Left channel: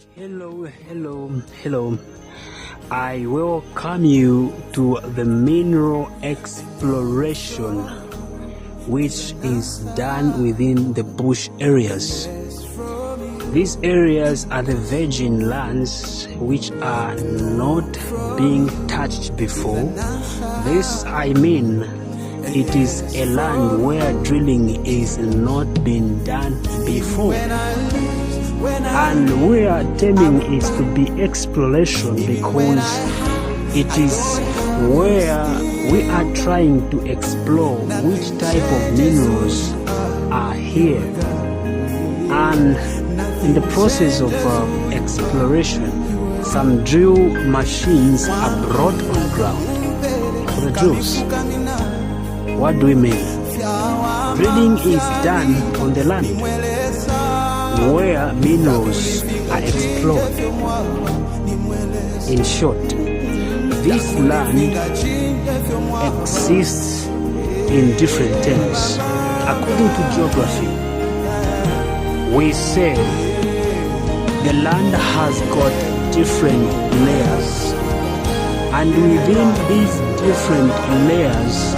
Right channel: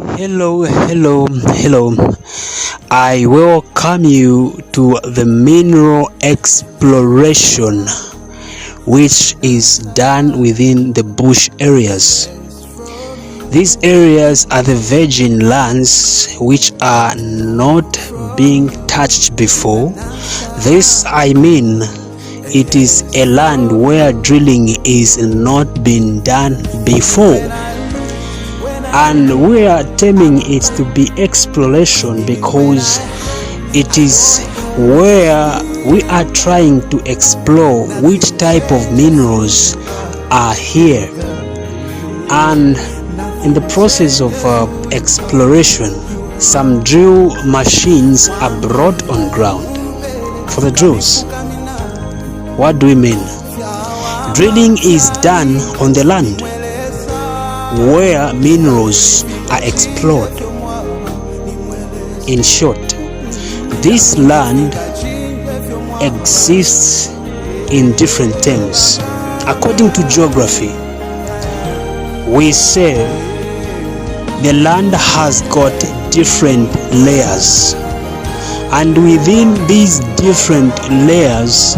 Hello. I welcome you to the mineral exploration, which is done within the bush areas. These areas are the virgin lands which are not being touched before. It is a land where drilling is not been done before. And we are terming it to be exploration because it is where we are trying to explore which type of minerals are here. And in the process of exploration, some drill machines are brought on ground for the drills. What do we mean? Drilling is done on the land where minerals are explored. In short, this land exists in different terms. According to geography, we say the land has got different layers, and within these different layers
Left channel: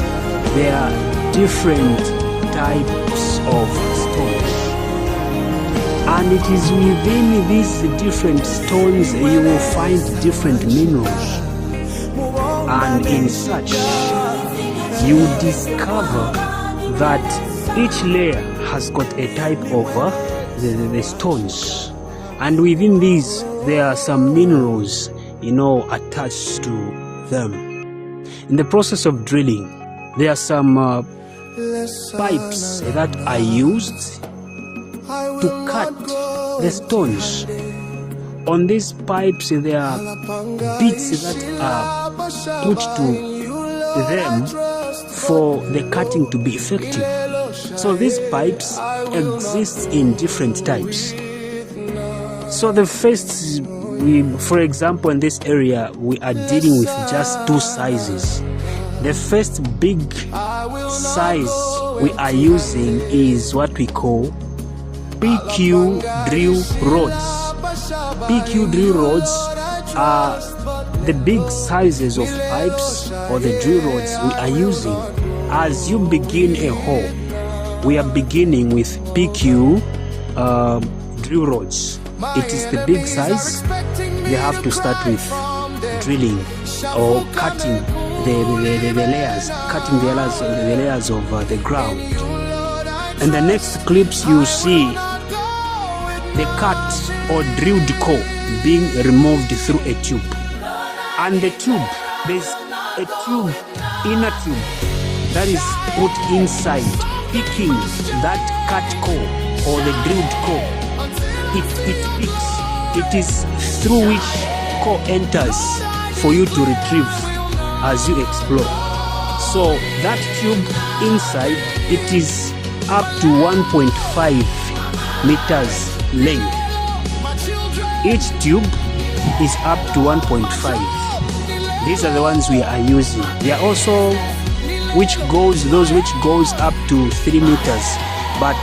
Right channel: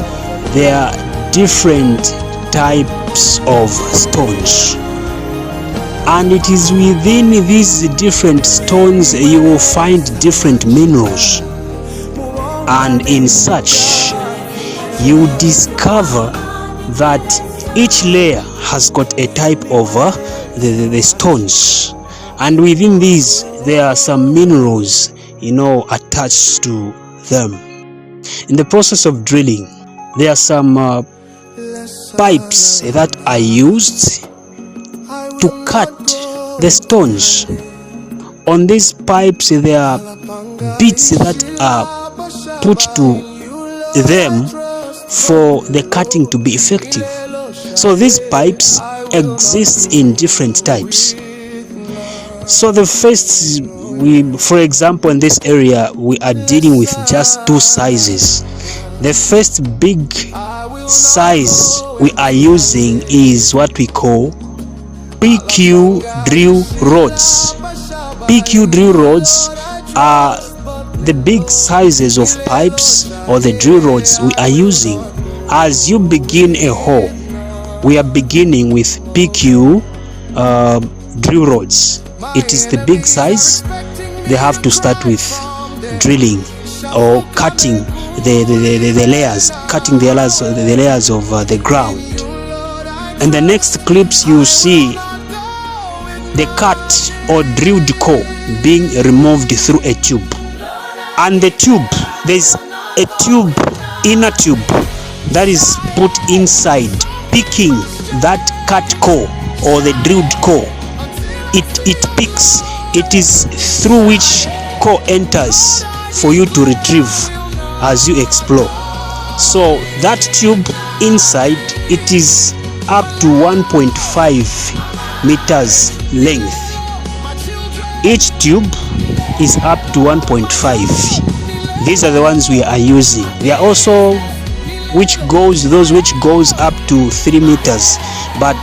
there are different types of stones. And it is within these different stones you will find different minerals. And in such, you discover that each layer has got a type of the stones. And within these, there are some minerals, attached to them. In the process of drilling, there are some pipes that are used to cut the stones. On these pipes there are bits that are put to them for the cutting to be effective. So these pipes exist in different types. So the first, for example, in this area we are dealing with just two sizes. The first big size we are using is what we call PQ drill rods. PQ drill rods are the big sizes of pipes or the drill rods we are using. As you begin a hole, we are beginning with PQ drill rods. It is the big size. They have to start with drilling or cutting the layers, cutting the layers of the ground. And the next clips you see the cut or drilled core being removed through a tube. And the tube, there's a tube, inner tube, that is put inside, picking that cut core or the drilled core. It picks. It is through which core enters for you to retrieve as you explore. So that tube inside, it is up to 1.5 meters length. Each tube is up to 1.5. These are the ones we are using. There are also those which goes up to 3 meters, but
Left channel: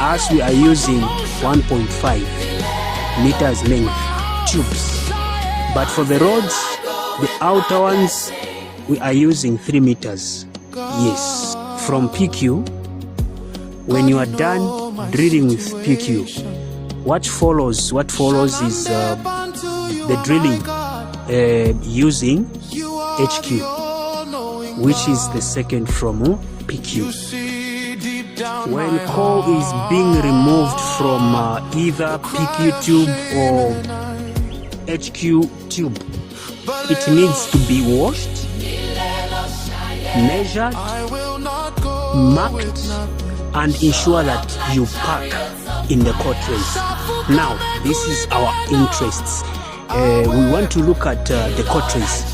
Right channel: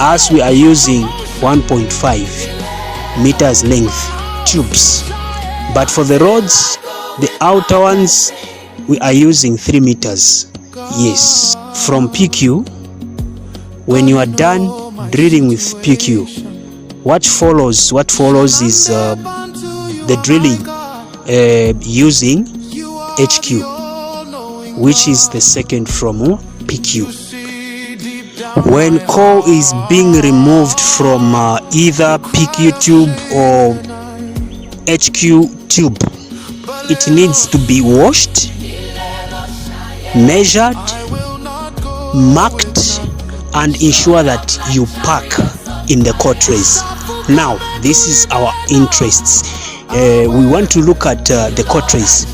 as we are using 1.5 meters length tubes. But for the rods, the outer ones, we are using 3 meters. Yes, from PQ. When you are done drilling with PQ, what follows is the drilling using HQ, which is the second from PQ. When core is being removed from either PQ tube or HQ tube, it needs to be washed, measured, marked, and ensure that you pack in the core trays. Now, this is our interests. We want to look at the core trays.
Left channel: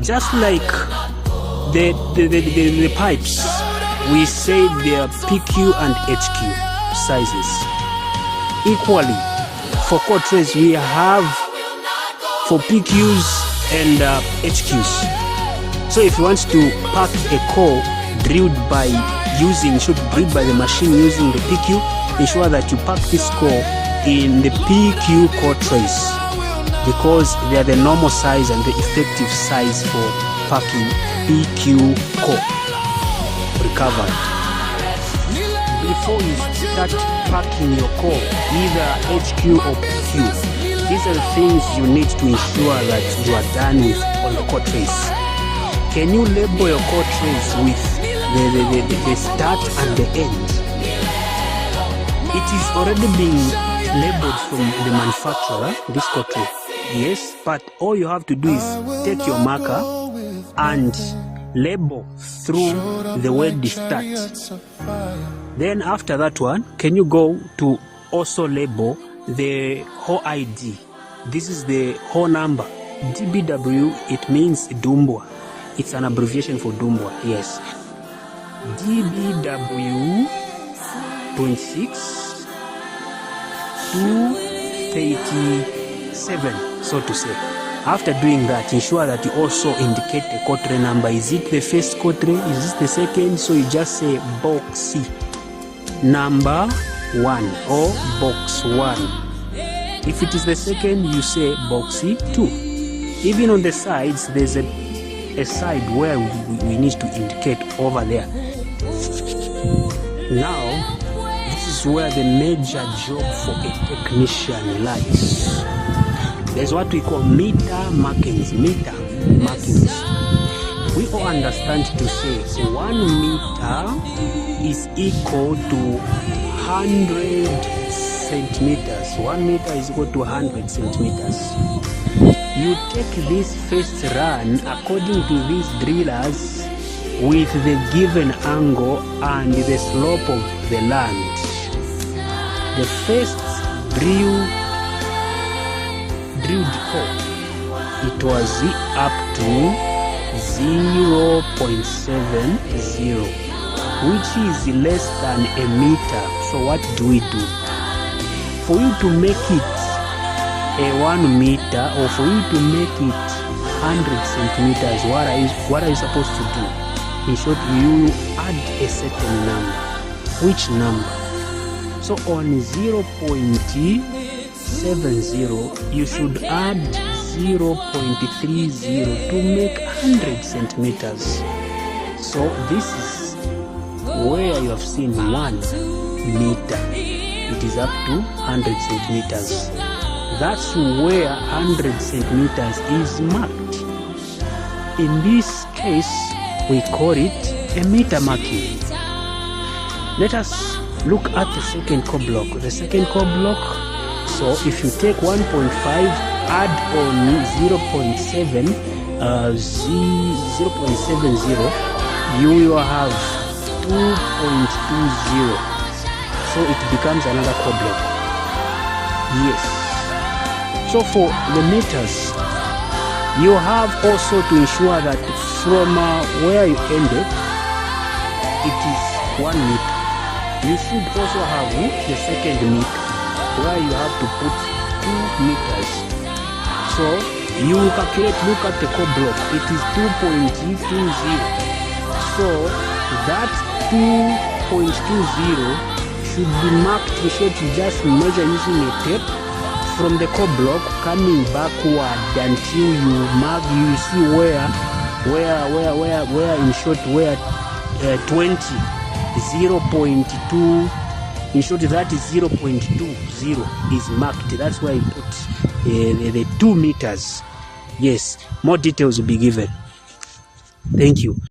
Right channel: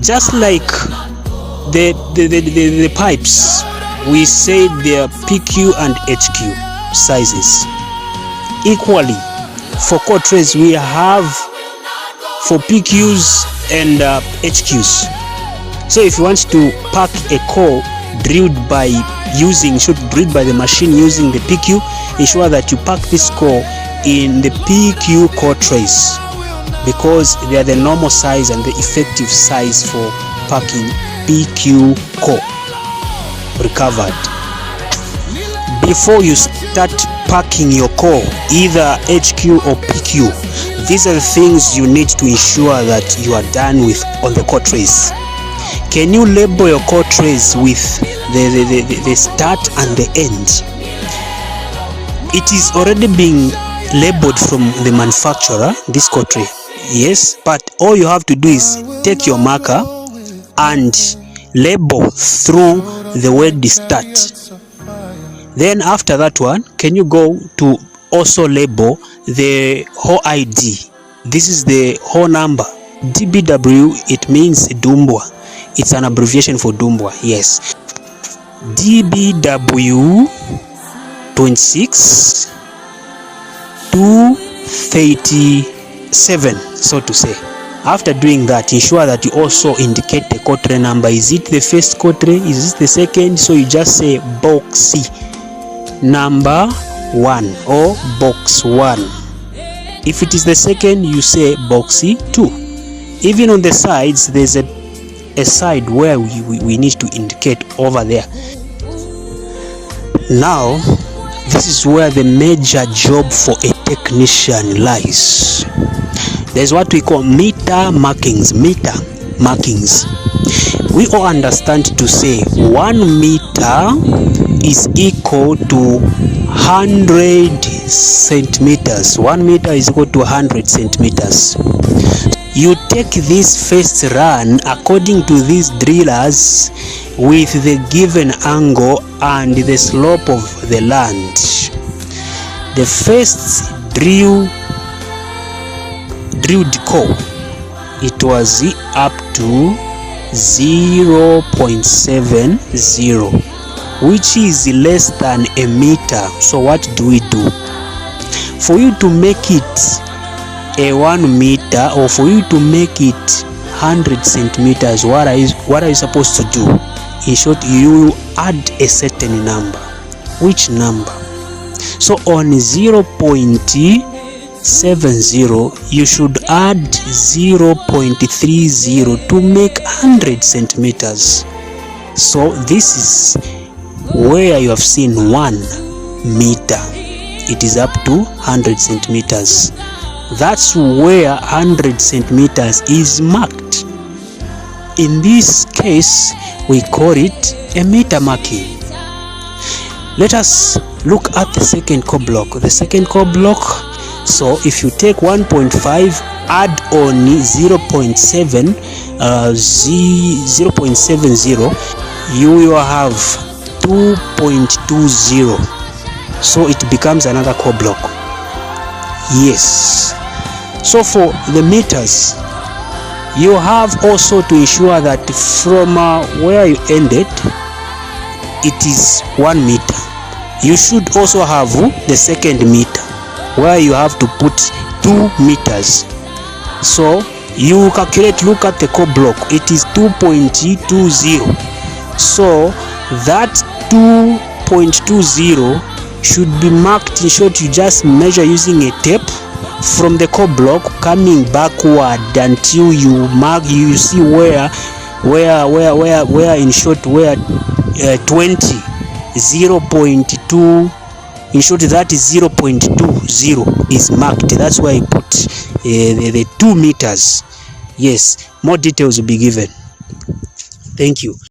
Just like the pipes, we say they are PQ and HQ sizes. Equally, for core trays, we have for PQs and HQs. So if you want to pack a core drilled by the machine using the PQ, ensure that you pack this core in the PQ core trace because they are the normal size and the effective size for packing PQ core recovered. Before you start packing your core, either HQ or PQ, these are the things you need to ensure that you are done with on the core trace. Can you label your core trace with the start and the end? It is already being labeled from the manufacturer, this core tray. Yes, but all you have to do is take your marker and label through the word start. Then after that one, can you go to also label the whole ID? This is the whole number. DBW, it means Dumbwa. It's an abbreviation for Dumbwa, yes. DBW 26 237, so to say. After doing that, ensure that you also indicate the core tray number. Is it the first core tray? Is it the second? So you just say box C number 1 or box 1. If it is the second, you say box C 2. Even on the sides, there's a side where we need to indicate over there. Now, this is where the major job for a technician lies. There's what we call meter markings. Meter markings. We all understand to say 1 meter is equal to 100 centimeters. 1 meter is equal to 100 centimeters. You take this first run according to these drillers with the given angle and the slope of the land. The first drilled core, it was up to 0.70, which is less than a meter. So what do we do? For you to make it a 1 meter, or for you to make it 100 centimeters, what are you supposed to do? In short, you add a certain number. Which number? So on 0.70, you should add 0.30 to make 100 centimeters. So this is where you have seen 1 meter. It is up to 100 centimeters. That's where 100 centimeters is marked. In this case, we call it a meter marking. Let us look at the second core block. The second core block, so if you take 1.5, add on 0.70, you will have 2.20. So it becomes another core block. Yes. So for the meters, you have also to ensure that from where you ended, it is 1 meter. You should also have the second meter, where you have to put 2 meters. So you calculate, look at the core block, it is 2.20. So that 2.20 should be marked. In short, you just measure using a tape from the core block coming backward until you mark, you see where in short, where 0.2, in short, that is 0.20 is marked. That's why I put the 2 meters. Yes, more details will be given. Thank you.